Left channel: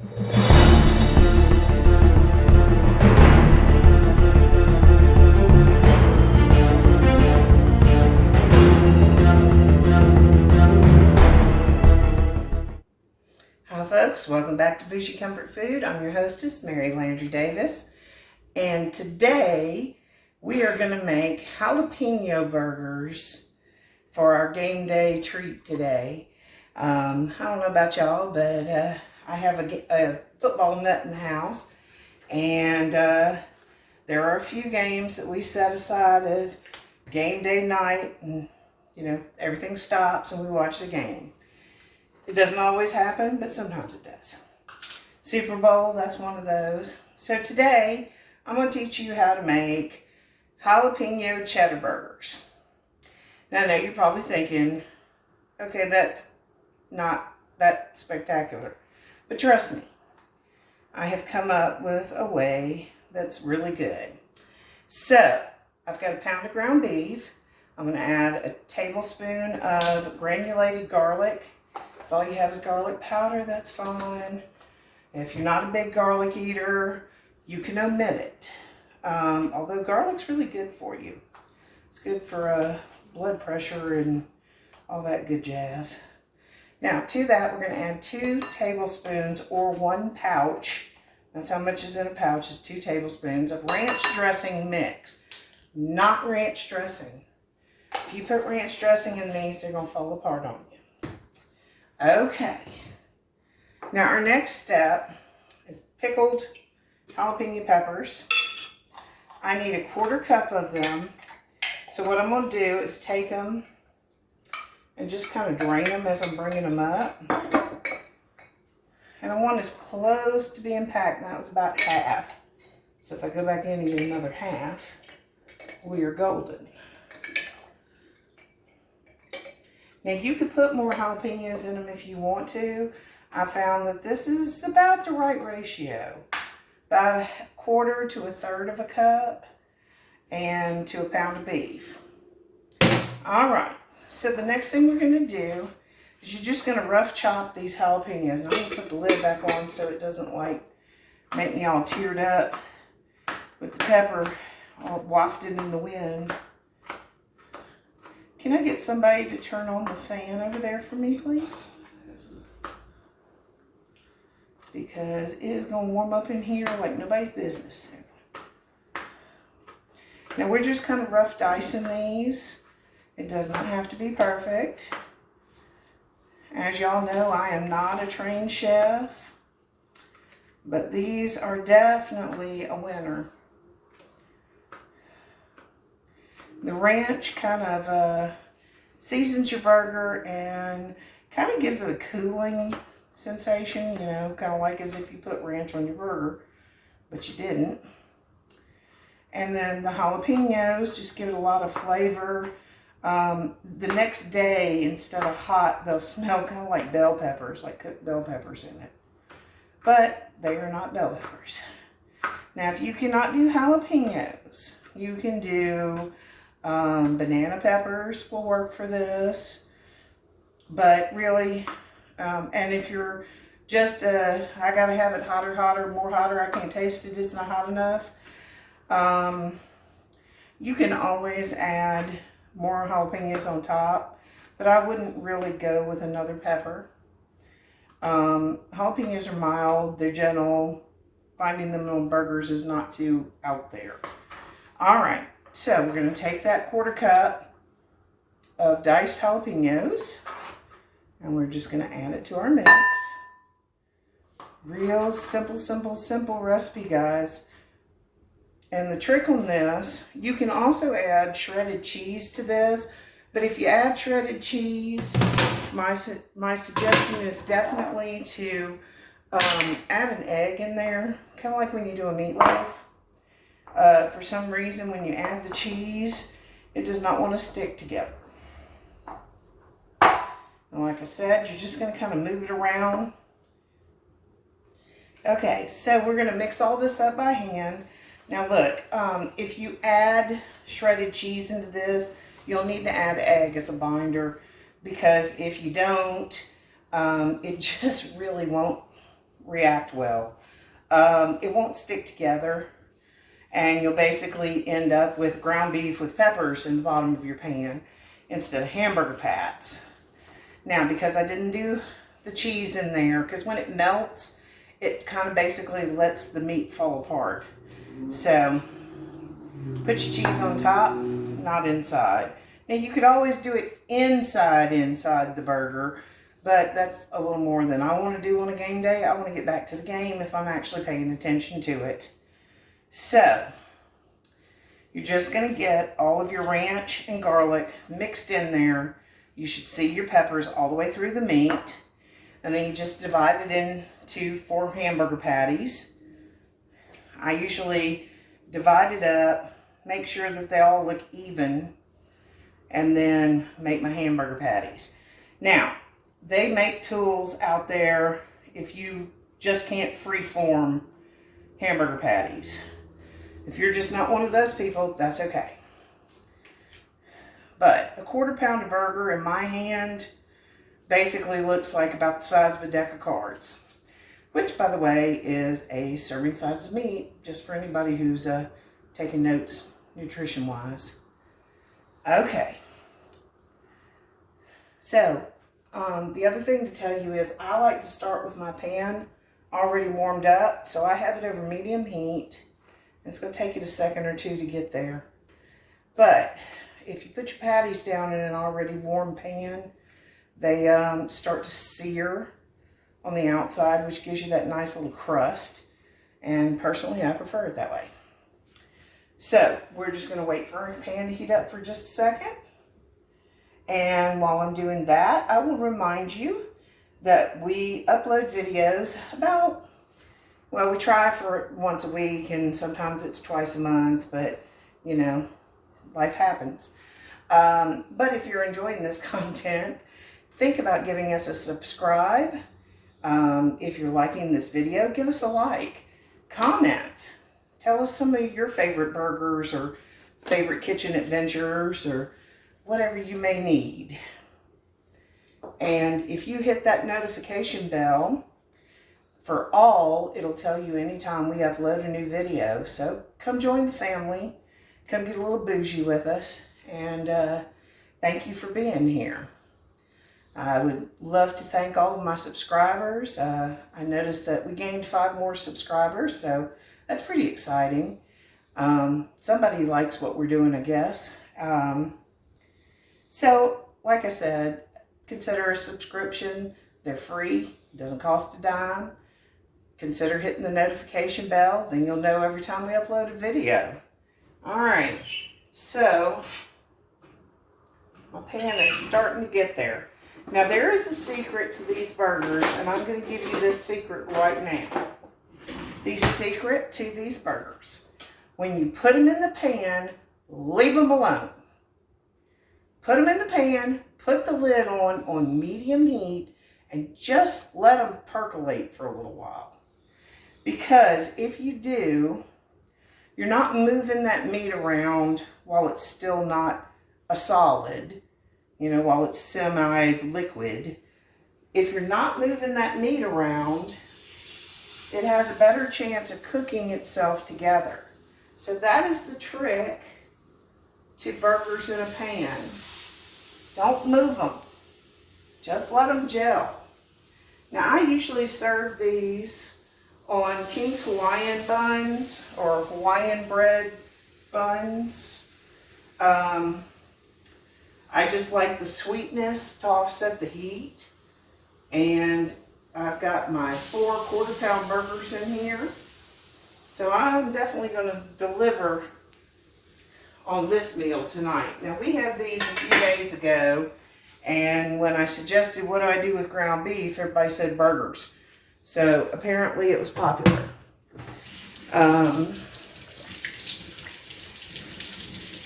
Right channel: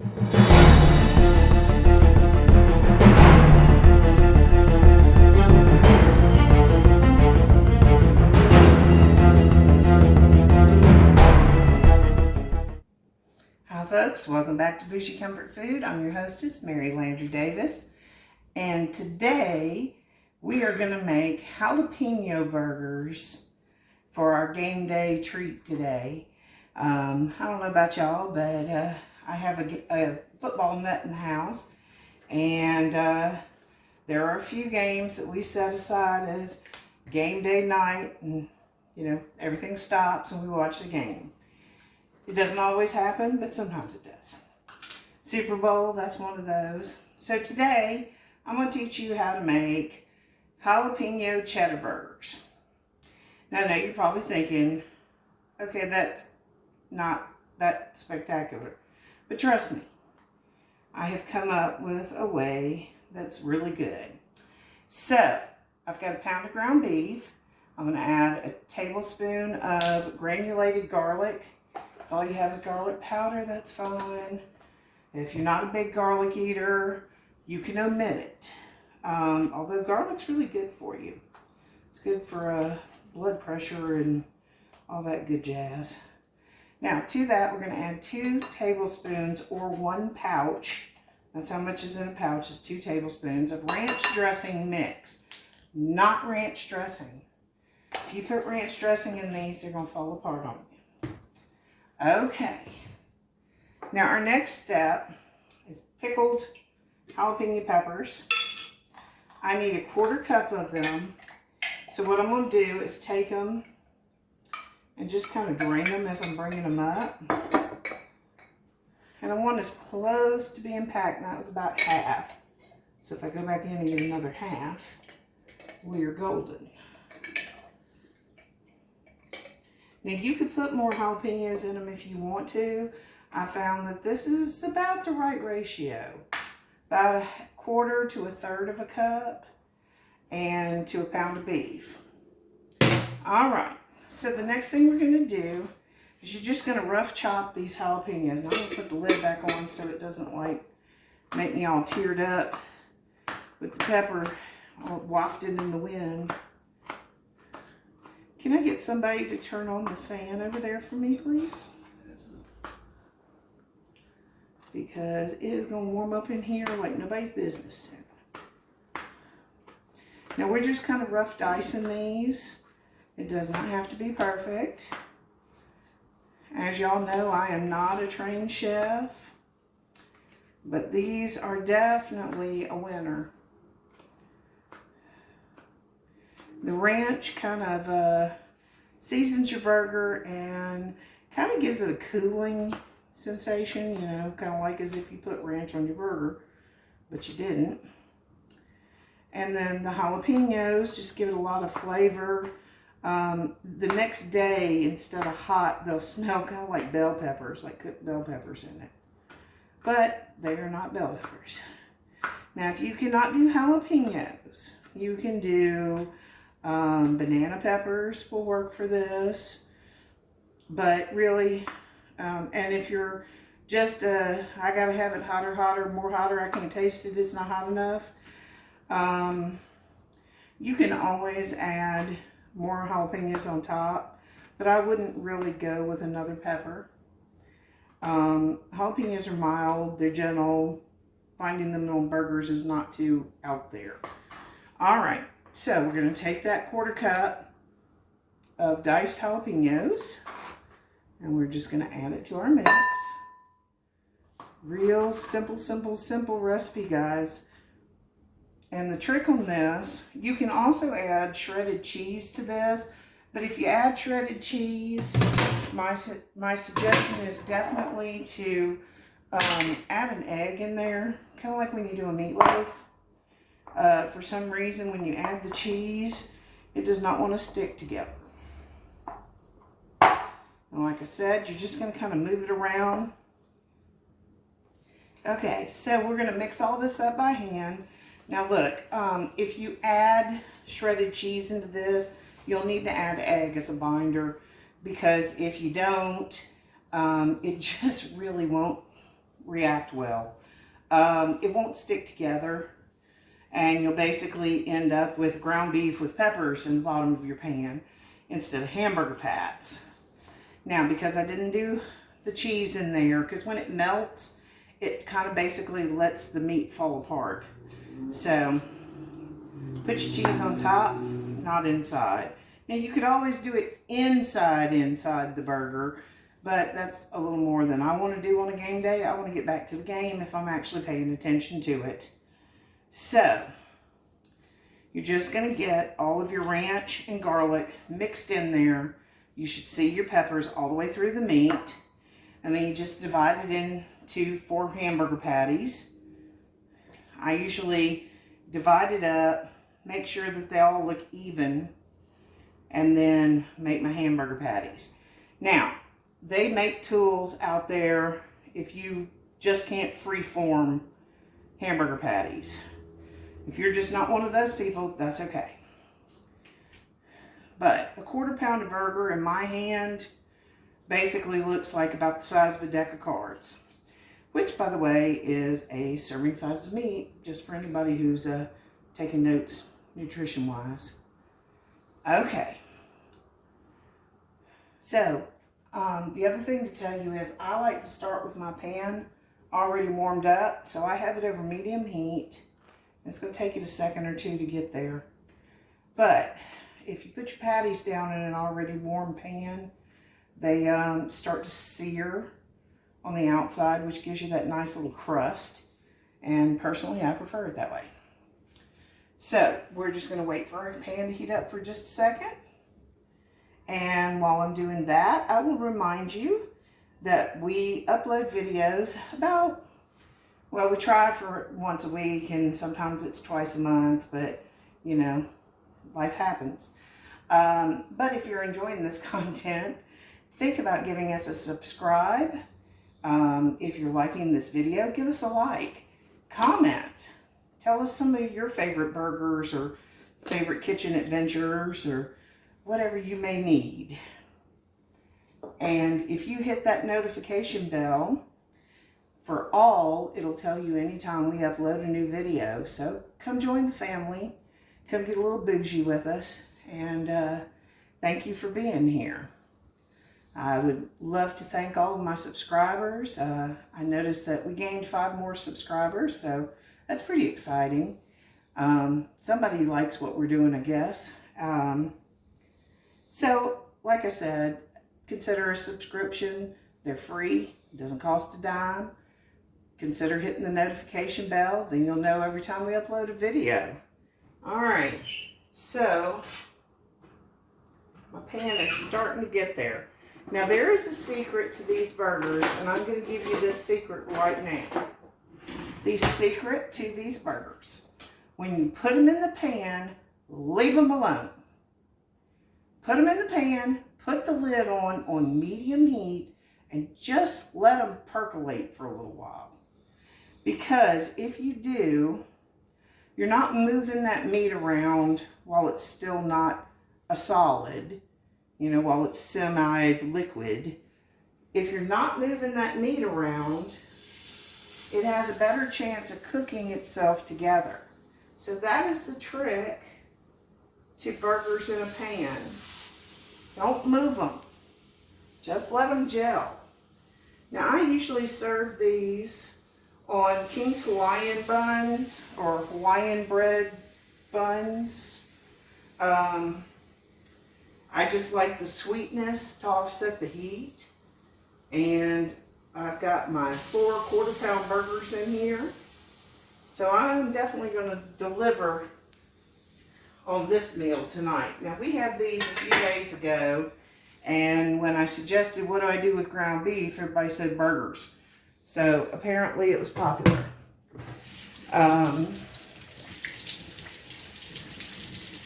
Hi folks, welcome back to Bougie Comfort Food. I'm your hostess, Mary Landry Davis. And today we are going to make jalapeno burgers for our game day treat today. I don't know about y'all, but I have a football nut in the house. And there are a few games that we set aside as game day night. And, you know, everything stops and we watch the game. It doesn't always happen, but sometimes it does. Super Bowl, that's one of those. So today, I'm going to teach you how to make jalapeno cheddar burgers. Now, I know you're probably thinking, okay, that's not that spectacular. But trust me, I have come up with a way that's really good. So, I've got a pound of ground beef. I'm going to add a tablespoon of granulated garlic. If all you have is garlic powder, that's fine. If you're not a big garlic eater, you can omit it. Although garlic's really good for you. It's good for blood pressure and all that good jazz. Now, to that, we're going to add 2 tablespoons or 1 pouch. That's how much is in a pouch, is 2 tablespoons of ranch dressing mix. Not ranch dressing. If you put ranch dressing in these, they're going to fall apart on you. Okay, now our next step is pickled jalapeno peppers. I need 1/4 cup of them. So what I'm going to do is take them and just kind of drain them as I'm bringing them up. And I want as close to being packed. That was about half. So if I go back in and get another half, we are golden. Now, you could put more jalapenos in them if you want to. I found that this is about the right ratio. About 1/4 to 1/3 of a cup and to a pound of beef. All right, so the next thing we're going to do is you're just going to rough chop these jalapenos. And I'm going to put the lid back on so it doesn't like make me all teared up with the pepper all wafted in the wind. Can I get somebody to turn on the fan over there for me, please? Because it is going to warm up in here like nobody's business. Now, we're just kind of rough dicing these. It does not have to be perfect. As y'all know, I am not a trained chef. But these are definitely a winner. The ranch kind of seasons your burger and kind of gives it a cooling sensation, you know, kind of like as if you put ranch on your burger, but you didn't. And then the jalapenos just give it a lot of flavor. The next day, instead of hot, they'll smell kind of like bell peppers, like cooked bell peppers in it. But they are not bell peppers. Now, if you cannot do jalapenos, you can do banana peppers will work for this, but really, and if you're just, I gotta have it hotter, more hotter, I can't taste it, it's not hot enough, you can always add more jalapenos on top, but I wouldn't really go with another pepper. Jalapenos are mild, they're gentle, finding them on burgers is not too out there. All right. So we're going to take that 1/4 cup of diced jalapenos and we're just going to add it to our mix. Real simple recipe, guys. And the trick on this, you can also add shredded cheese to this, but if you add shredded cheese, my suggestion is definitely to add an egg in there, kind of like when you do a meatloaf. For some reason, when you add the cheese, it does not want to stick together. And like I said, you're just going to kind of move it around. Okay, so we're going to mix all this up by hand. Now look, if you add shredded cheese into this, you'll need to add egg as a binder, because if you don't, it just really won't react well. It won't stick together, and you'll basically end up with ground beef with peppers in the bottom of your pan instead of hamburger pats. Now, because I didn't do the cheese in there, because when it melts, it kind of basically lets the meat fall apart. So, put your cheese on top, not inside. Now, you could always do it inside the burger, but that's a little more than I want to do on a game day. I want to get back to the game if I'm actually paying attention to it. So, you're just going to get all of your ranch and garlic mixed in there. You should see your peppers all the way through the meat. And then you just divide it into 4 hamburger patties. I usually divide it up, make sure that they all look even, and then make my hamburger patties. Now, they make tools out there if you just can't free-form hamburger patties. If you're just not one of those people, that's okay. But a 1/4 pound of burger in my hand basically looks like about the size of a deck of cards, which, by the way, is a serving size of meat, just for anybody who's taking notes nutrition-wise. Okay. So, the other thing to tell you is I like to start with my pan already warmed up, so I have it over medium heat. It's going to take it a second or two to get there. But if you put your patties down in an already warm pan, they start to sear on the outside, which gives you that nice little crust. And personally, I prefer it that way. So we're just going to wait for our pan to heat up for just a second. And while I'm doing that, I will remind you that we upload videos about, well, we try for once a week, and sometimes it's twice a month, but, you know, life happens. But if you're enjoying this content, think about giving us a subscribe. If you're liking this video, give us a like. Comment. Tell us some of your favorite burgers or favorite kitchen adventures or whatever you may need. And if you hit that notification bell for all, it'll tell you anytime we upload a new video. So come join the family. Come get a little bougie with us. And thank you for being here. I would love to thank all of my subscribers. I noticed that we gained 5 more subscribers, so that's pretty exciting. Somebody likes what we're doing, I guess. So, like I said, consider a subscription. They're free. It doesn't cost a dime. Consider hitting the notification bell. Then you'll know every time we upload a video. All right. So, my pan is starting to get there. Now, there is a secret to these burgers, and I'm going to give you this secret right now. The secret to these burgers. When you put them in the pan, leave them alone. Put them in the pan, put the lid on medium heat, and just let them percolate for a little while. Because if you do, you're not moving that meat around while it's still not a solid, you know, while it's semi-liquid. If you're not moving that meat around, it has a better chance of cooking itself together. So that is the trick to burgers in a pan. Don't move them. Just let them gel. Now, I usually serve these on King's Hawaiian buns or Hawaiian bread buns. I just like the sweetness to offset the heat. And I've got my 4 1/4 pound burgers in here. So I'm definitely going to deliver on this meal tonight. Now, we had these a few days ago, and when I suggested what do I do with ground beef, everybody said burgers. So apparently it was popular.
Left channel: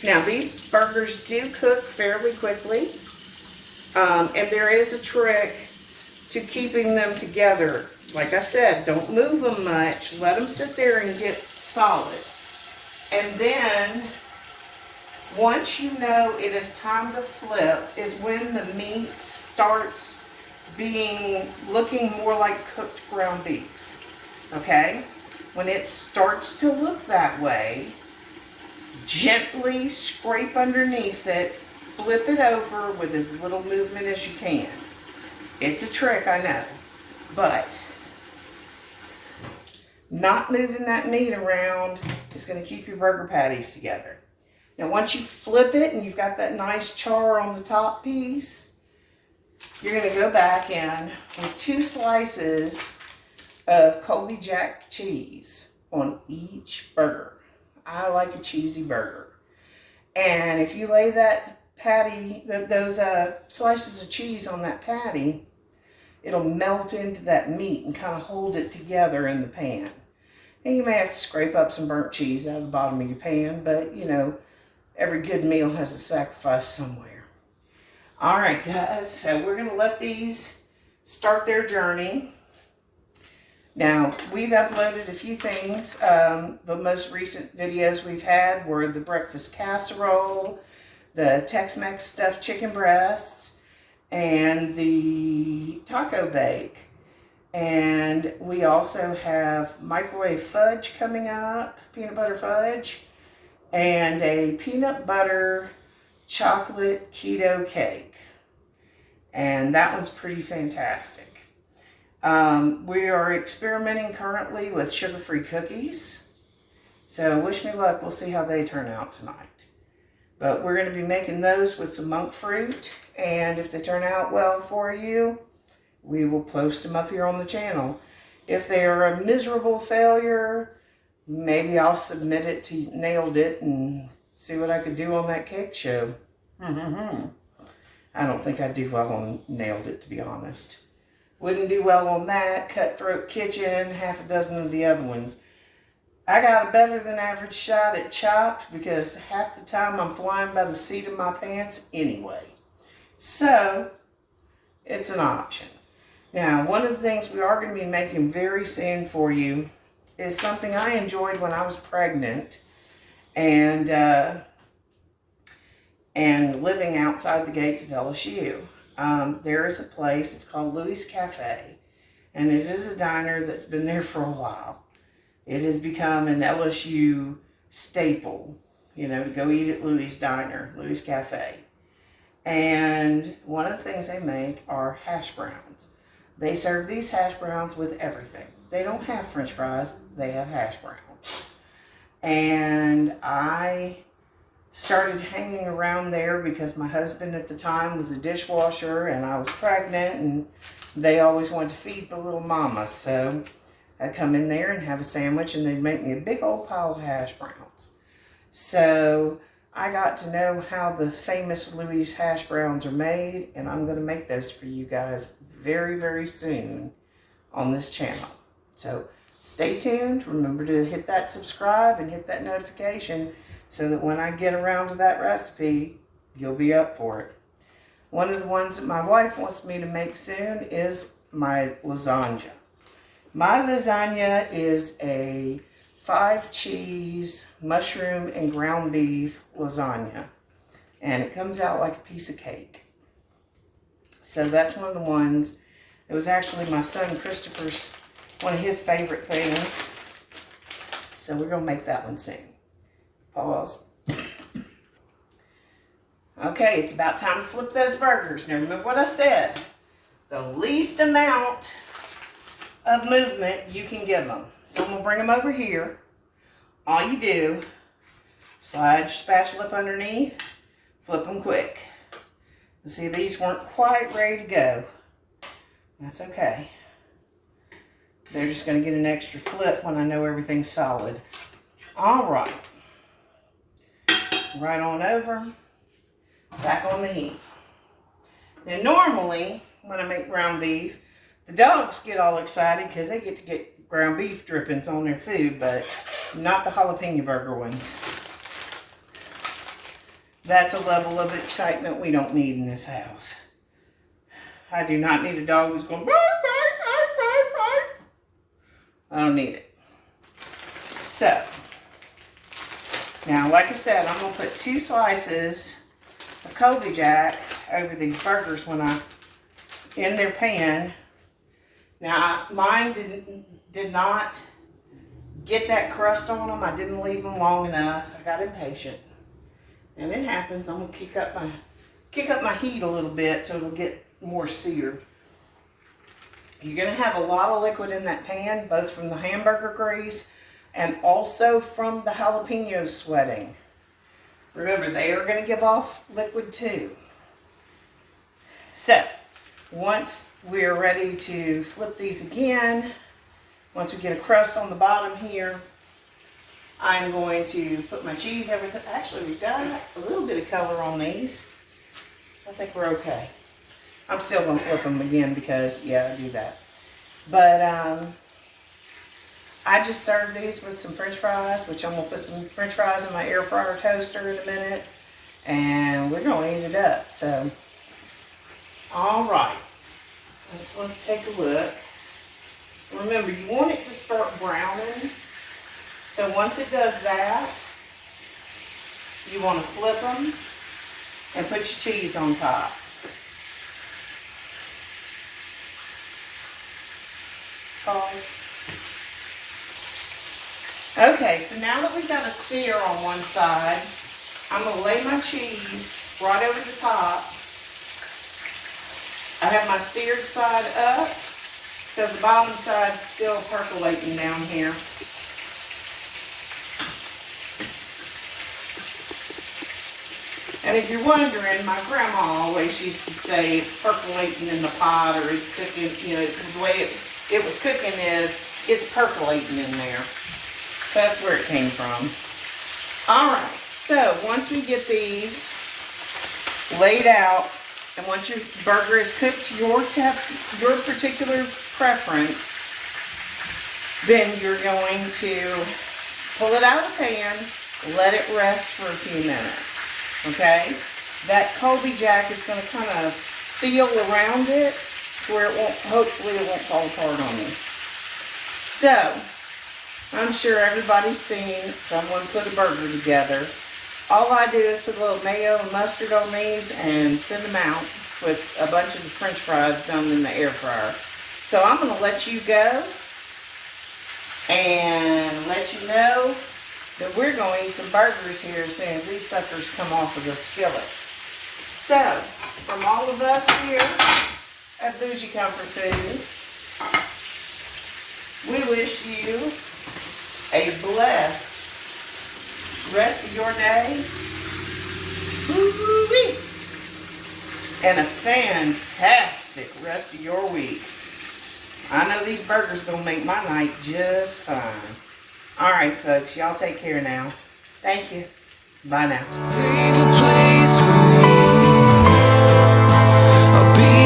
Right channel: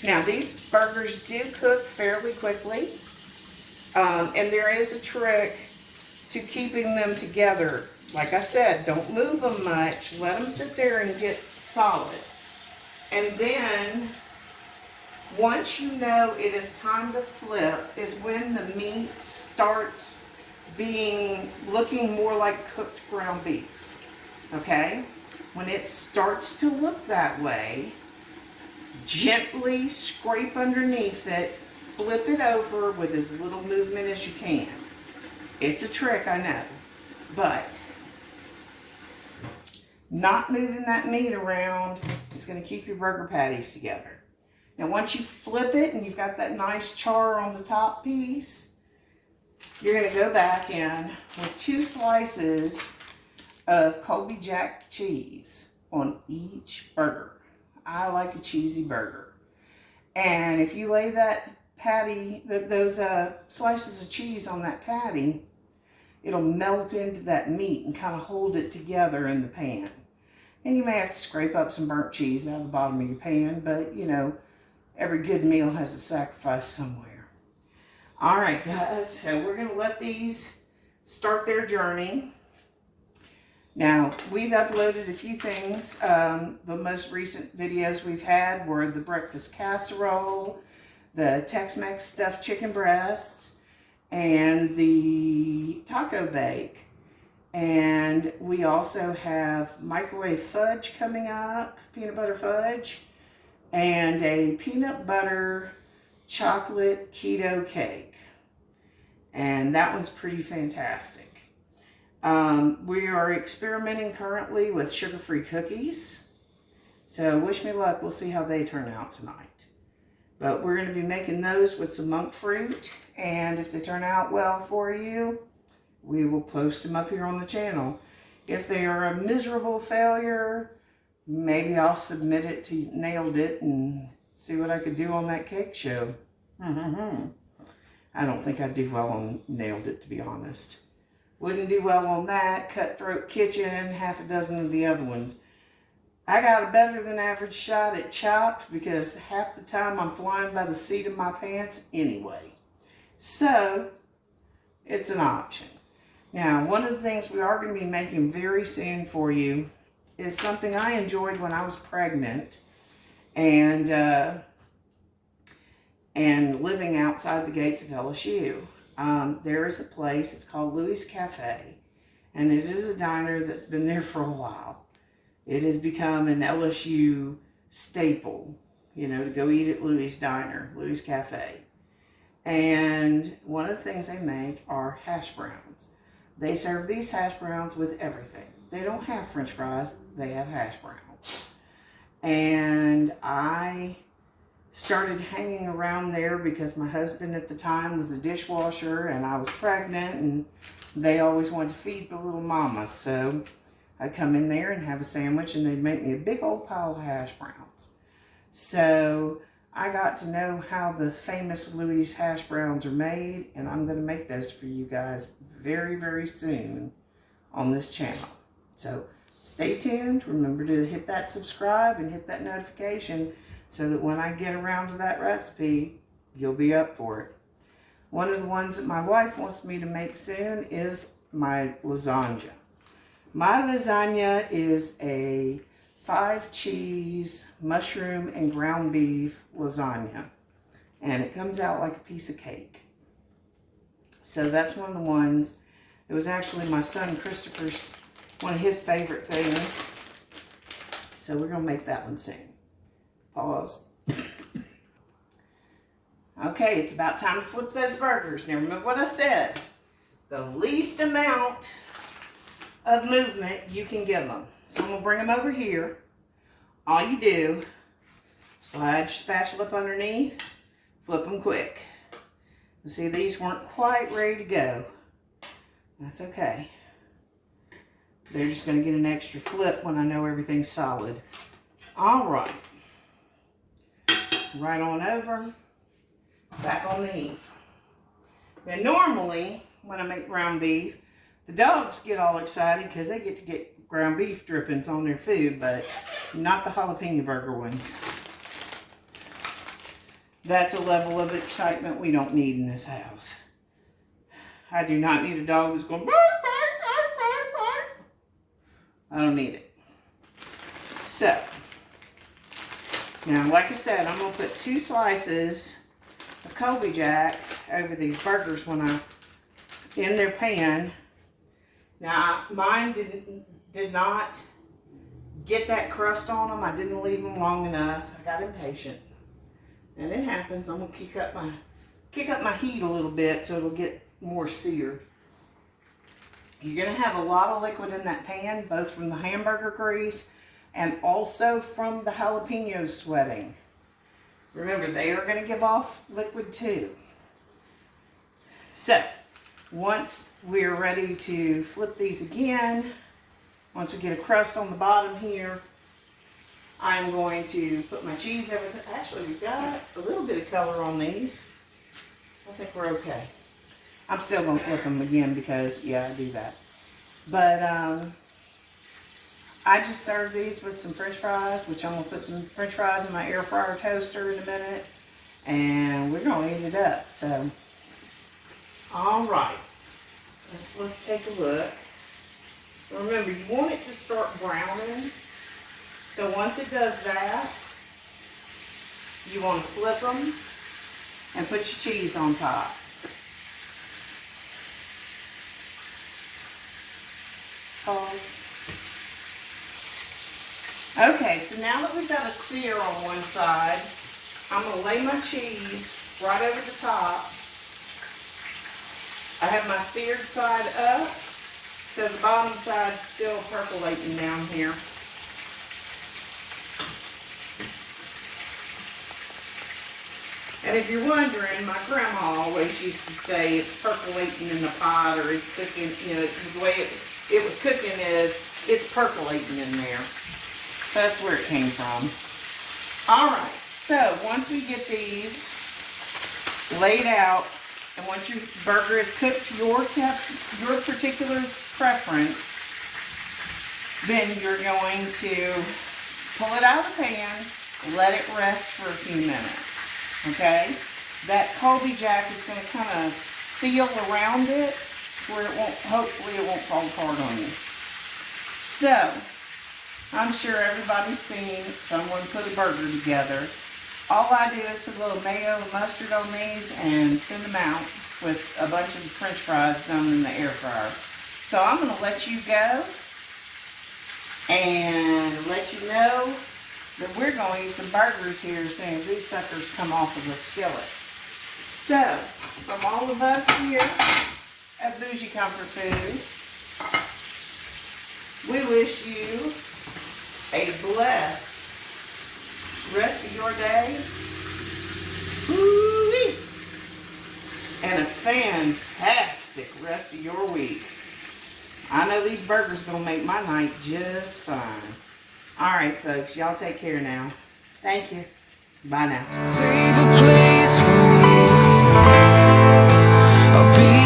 Now, these burgers do cook fairly quickly, and there is a trick to keeping them together. Like I said, don't move them much. Let them sit there and get solid. And then, once you know it is time to flip, is when the meat starts looking more like cooked ground beef. Okay? When it starts to look that way, gently scrape underneath it, flip it over with as little movement as you can. It's a trick, I know, but not moving that meat around is going to keep your burger patties together. Now, once you flip it and you've got that nice char on the top piece, you're going to go back in with 2 slices of Colby Jack cheese on each burger. I like a cheesy burger. And if you lay that patty, those slices of cheese on that patty, it'll melt into that meat and kind of hold it together in the pan. And you may have to scrape up some burnt cheese out of the bottom of your pan, but you know, every good meal has a sacrifice somewhere. All right, guys, so we're going to let these start their journey. Now, we've uploaded a few things. The most recent videos we've had were the breakfast casserole, the Tex-Mex stuffed chicken breasts, and the taco bake. And we also have microwave fudge coming up, peanut butter fudge, and a peanut butter chocolate keto cake. And that one's pretty fantastic. We are experimenting currently with sugar-free cookies. So wish me luck. We'll see how they turn out tonight. But we're going to be making those with some monk fruit. And if they turn out well for you, we will post them up here on the channel. If they are a miserable failure, maybe I'll submit it to Nailed It and see what I could do on that cake show. I don't think I'd do well on Nailed It, to be honest. Wouldn't do well on that, Cutthroat Kitchen, half a dozen of the other ones. I got a better than average shot at Chopped because half the time I'm flying by the seat of my pants anyway. So, it's an option. Now, one of the things we are going to be making very soon for you is something I enjoyed when I was pregnant and living outside the gates of LSU. There is a place, it's called Louis Cafe, and it is a diner that's been there for a while. It has become an LSU staple, you know, to go eat at Louis Diner, Louis Cafe. And one of the things they make are hash browns. They serve these hash browns with everything. They don't have French fries, they have hash browns. And I started hanging around there because my husband at the time was a dishwasher and I was pregnant and they always wanted to feed the little mama. So I'd come in there and have a sandwich and they'd make me a big old pile of hash browns. So I got to know how the famous Louis hash browns are made, and I'm going to make those for you guys very, very soon on this channel. So stay tuned. Remember to hit that subscribe and hit that notification so that when I get around to that recipe, you'll be up for it. One of the ones that my wife wants me to make soon is my lasagna. My lasagna is a 5-cheese, mushroom, and ground beef lasagna. And it comes out like a piece of cake. So that's one of the ones. It was actually my son Christopher's, one of his favorite things. So we're going to make that one soon. Pause. Okay, it's about time to flip those burgers. Now remember what I said. The least amount of movement you can give them. So I'm going to bring them over here. All you do, slide your spatula up underneath, flip them quick. You see, these weren't quite ready to go. That's okay. They're just going to get an extra flip when I know everything's solid. All right. Right on over. Back on the heat. Now normally, when I make ground beef, the dogs get all excited because they get to get ground beef drippings on their food, but not the jalapeno burger ones. That's a level of excitement we don't need in this house. I do not need a dog that's going, bark, bark, bark, bark, bark. I don't need it. So, now like I said, I'm going to put 2 slices of Colby Jack over these burgers when I in their pan. Now mine did not get that crust on them. I didn't leave them long enough. I got impatient. And it happens. I'm gonna kick up my heat a little bit so it'll get more seared. You're gonna have a lot of liquid in that pan, both from the hamburger grease and also from the jalapenos sweating. Remember, they are gonna give off liquid too. So, once we're ready to flip these again, once we get a crust on the bottom here, I'm going to put my cheese, everything. Actually, we've got a little bit of color on these. I think we're okay. I'm still going to flip them again because, yeah, I do that. But I just served these with some french fries, which I'm going to put some french fries in my air fryer toaster in a minute. And we're going to eat it up. So, all right. Let's take a look. Remember, you want it to start browning. So once it does that, you want to flip them and put your cheese on top. Pause. Okay, so now that we've got a sear on one side, I'm going to lay my cheese right over the top. I have my seared side up, so the bottom side's still percolating down here. And if you're wondering, my grandma always used to say it's percolating in the pot, or it's cooking, you know, the way it was cooking is it's percolating in there. So that's where it came from. All right, so once we get these laid out, and once your burger is cooked to your particular preference, then you're going to pull it out of the pan, let it rest for a few minutes. Okay, that Colby Jack is going to kind of seal around it to where it won't, hopefully it won't fall apart on you. So, I'm sure everybody's seen someone put a burger together. All I do is put a little mayo and mustard on these and send them out with a bunch of the french fries done in the air fryer. So I'm going to let you go and let you know that we're going to eat some burgers here as soon as these suckers come off of the skillet. So, from all of us here at Bougie Comfort Food, we wish you a blessed rest of your day. Woo-wee. And a fantastic rest of your week. I know these burgers are going to make my night just fine. All right, folks, y'all take care now. Thank you. Bye now. Save a place for me. I'll be